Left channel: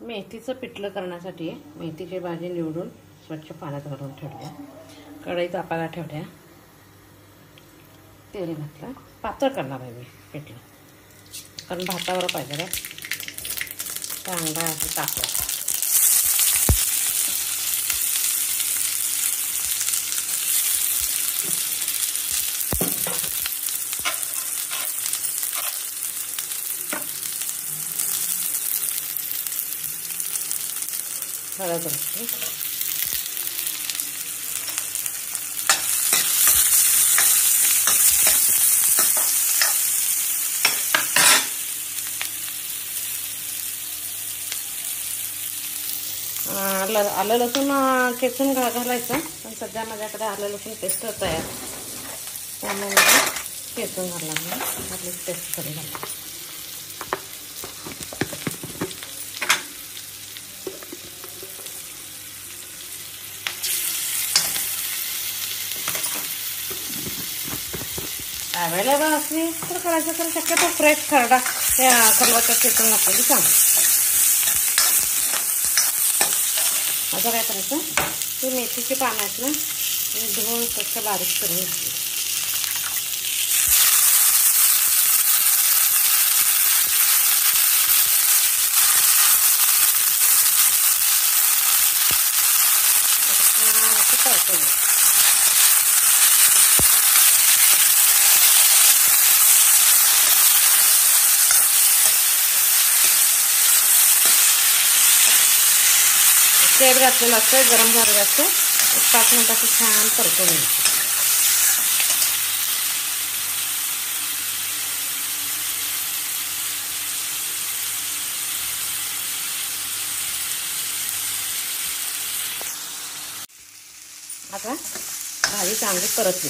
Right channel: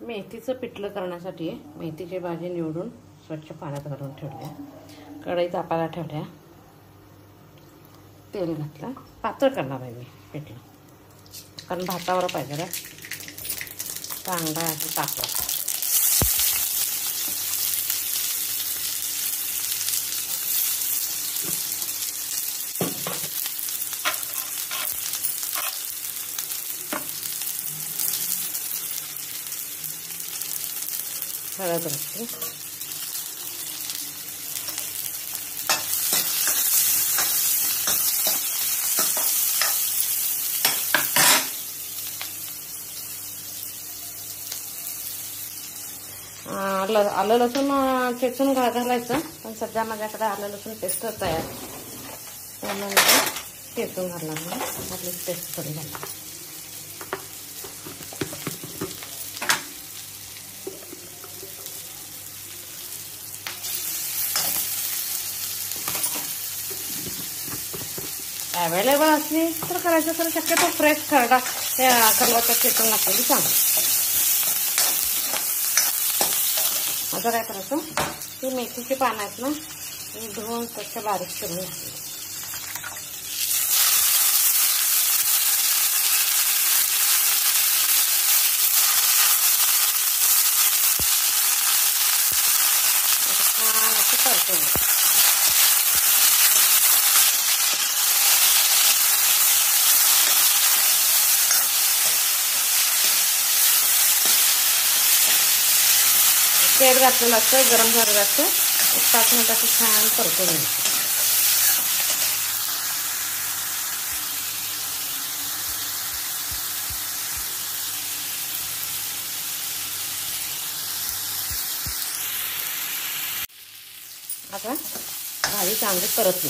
मेथीचं पिठलं करण्यासाठी मेथीची भाजी निवडून स्वच्छ पाण्यात घालून ठेवल्या, कढई तापायला ठेवल्या, तेल घातलं. पातळ करणार आहे मी पिठलं, कारण भातावर पाहिजे रे चांगला असं तापलं. हळद घातली, आलं लसूण चेचून घालायचं, पण सध्या माझ्याकडे आलं लसूण पेस्ट तयार त्यामुळे चेचून घालणार नाही, आपली पेस्ट थोडी घालणार. अवेलेबल असली तर करायचं, तर शक्यतो फ्रेश खरडा खरडाचा चेचून घातलेली चांगली. आता काय करायचं, ती मेथीची पानं आहेत ना, धुवून तसं बारीक करून घातली. परतून तेल घातलेलं असतं, गरम झालेलं असतं, 5 मिनिट असं छान परतून घ्यायचं. आता भाजी चांगली परतली,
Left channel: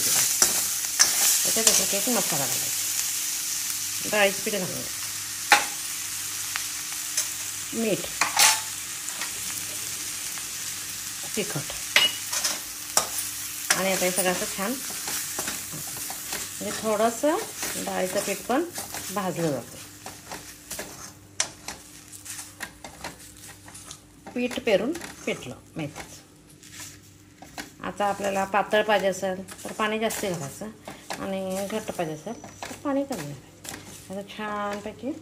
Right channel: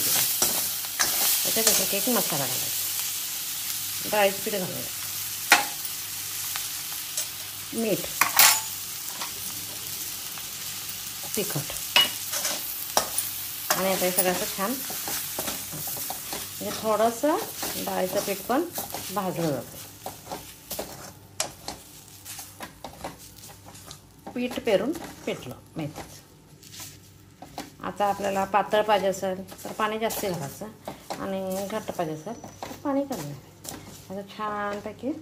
त्याच्यात एक मसाला घालायचा, डाळीचं पीठ घालायचं, मीठ, तिखट, आणि आता हे सगळं असं छान म्हणजे थोडंसं डाळीचं पीठ पण भाजलं जातं. पीठ पेरून पिठलं मेथीचं. आता आपल्याला पातळ पाहिजे असेल तर पाणी जास्त घालायचं, आणि घट्ट पाहिजे असेल तर पाणी कमी घालायचं. आता छानपैकी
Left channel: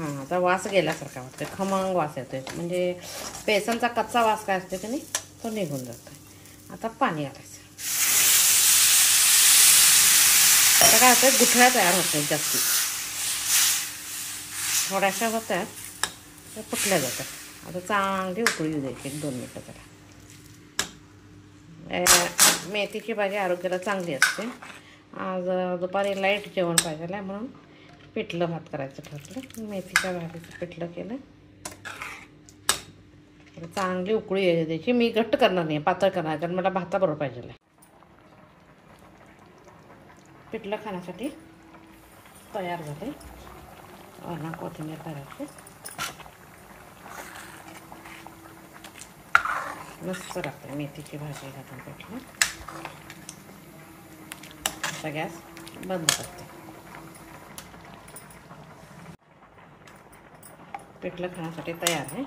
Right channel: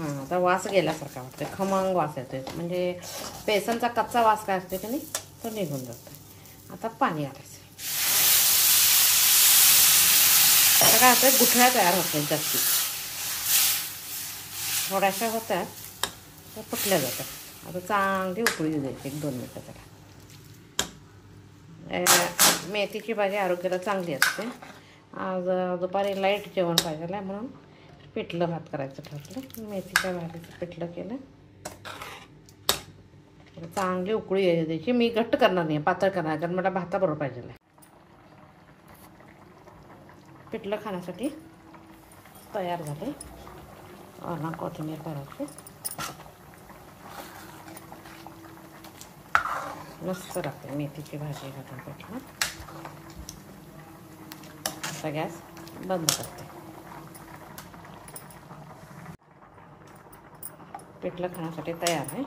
आता वास गेल्यासारखा वाटतं, खमंग वास येतोय, म्हणजे बेसनचा कच्चा वास काय असतो की नाही तो निघून जातो. आता पाणी घालायचं. आता काय होतं, गुठळ्या तयार होत नाही, जास्ती थोड्याशा होत्या त्या फुटल्या जातात. आता चांगली उकळी येऊ द्यायची 1-2 मिनटं त्याला. मेथीची भाजी आरोग्याला चांगली असते. आज दुपारी लाईट जेवण पाहिजे म्हणून पिठलं भात करायचं ठरलं, मेथीच्या भाजीचं पिठलं केलं. चांगली उकळी येऊ द्यायची. मी घट्ट करणार नाही, पातळ करणार, कारण मला भाताबरोबर पाहिजे. पिठलं खाण्यासाठी तयार झाले. वरून कोथिंबीर करायची, मस्त लागते मेथीची भाजी घालून पिठलं. आता गॅस बंद करते. पिठलं खाण्यासाठी तयार आहे.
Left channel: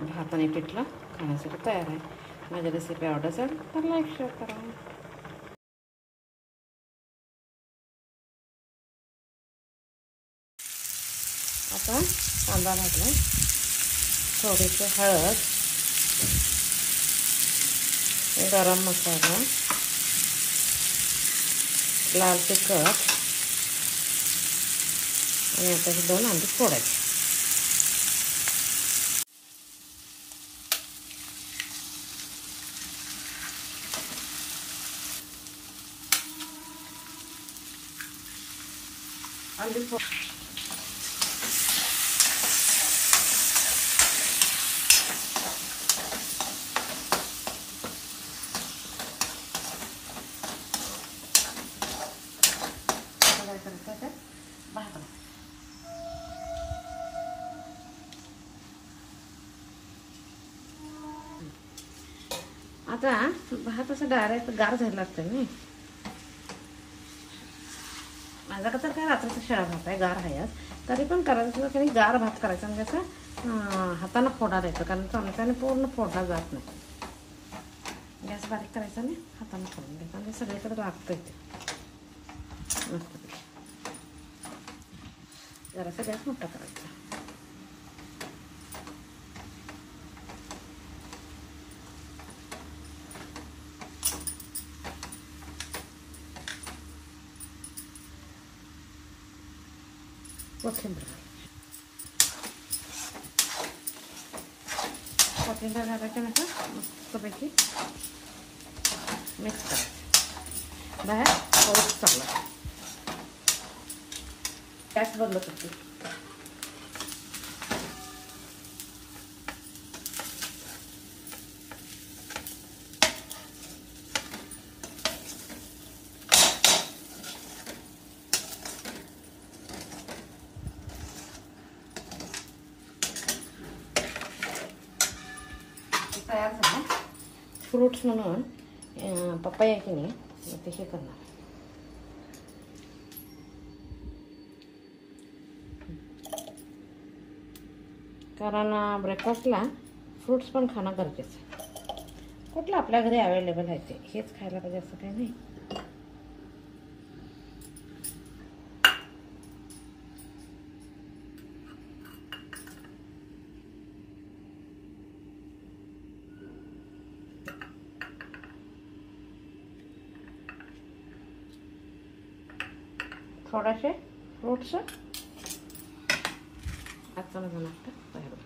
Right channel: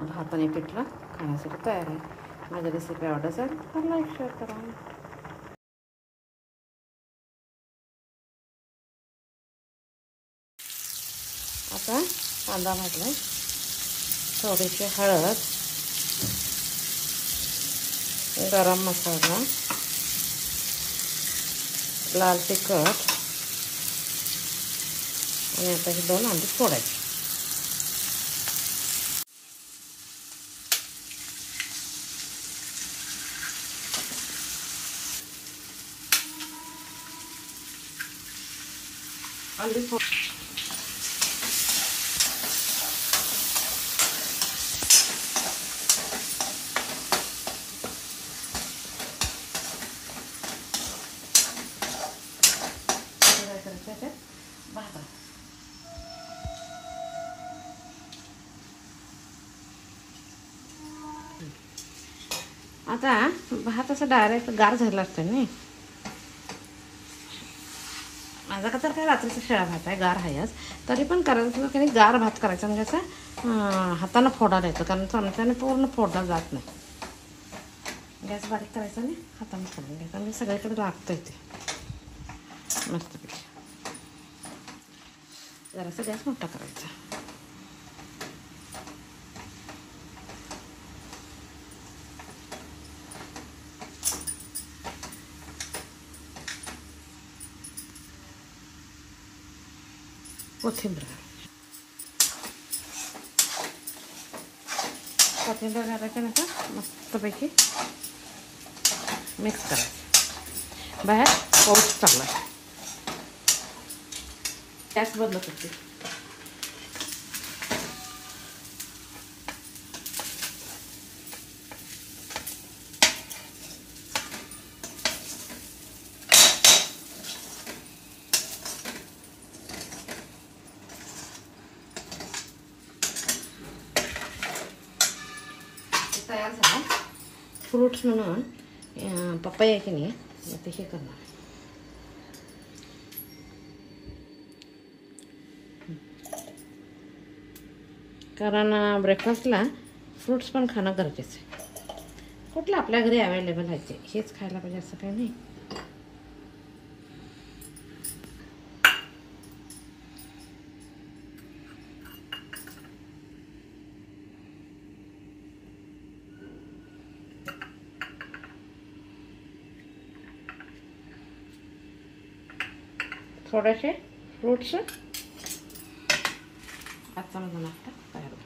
भात आणि पिठलं खाण्यासाठी तयार आहे. माझी रेसिपी आवडत असेल तर लाईक शेअर करा. आता कांदा भाजला, थोडीशी हळद, गरम मसाला, लाल तिखट, आणि आता हे 2 अंडी फोडायचे. अंडी फोड भात आता भात असं डायरेक्ट गार झाला असतो नाही. माझा का तर काय रात्रीचा शिळा भात आहे, गार आहे आज. तरी पण करायचं की नाही, गार भात करायचा म्हणजे असं हातानं फोडायला येतं, कारण चमच्याने पूर्ण फोडला जात नाही. गॅस बारीक करायचा नाही, हाताने फोडून घ्यायचा म्हणजे सगळीकडे लागतं इथे मस्तपैकी. जरासा गॅस मोठा करायचा. कोथिंबीर घालायची नका, मस्तपैकी मिक्स करायचं. बाहेर पाऊस चांगला, गॅस बंद करते. तयार झाला. फ्रूट्स म्हणून पपया की नाही ते हे करणार. कारण ब्रेकफास्टला फ्रूट्स पण खाणं गरजेचं आहे. कुठलं आपल्या घरी अवेलेबल आहे ते हेच खायला पाहिजे असं काही नाही. थोडेसे फ्रूट्स आजचा माझा नाश्ता तयार होतो.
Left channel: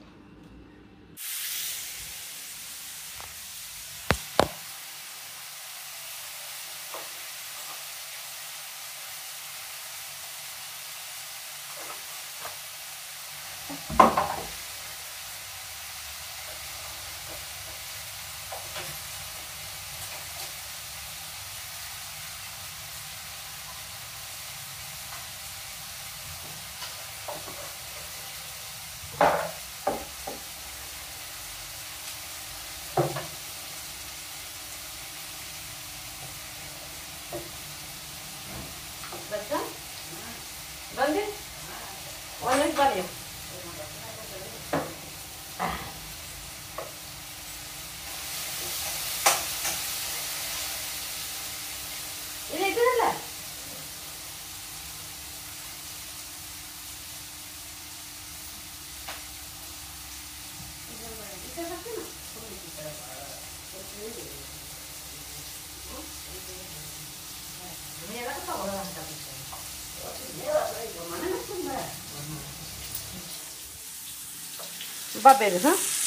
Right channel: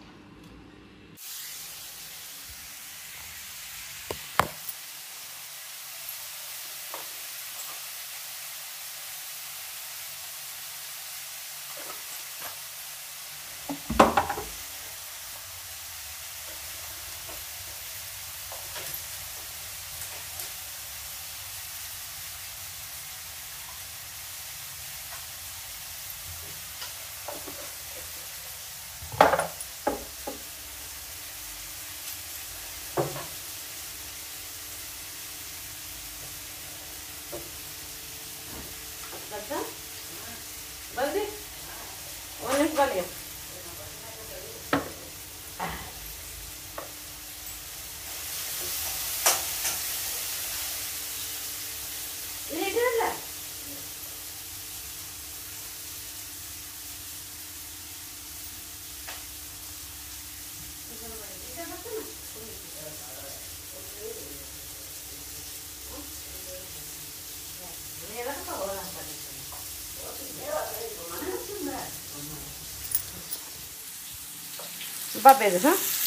बंदी ऑनलाईन पाहिजे. Babel, huh?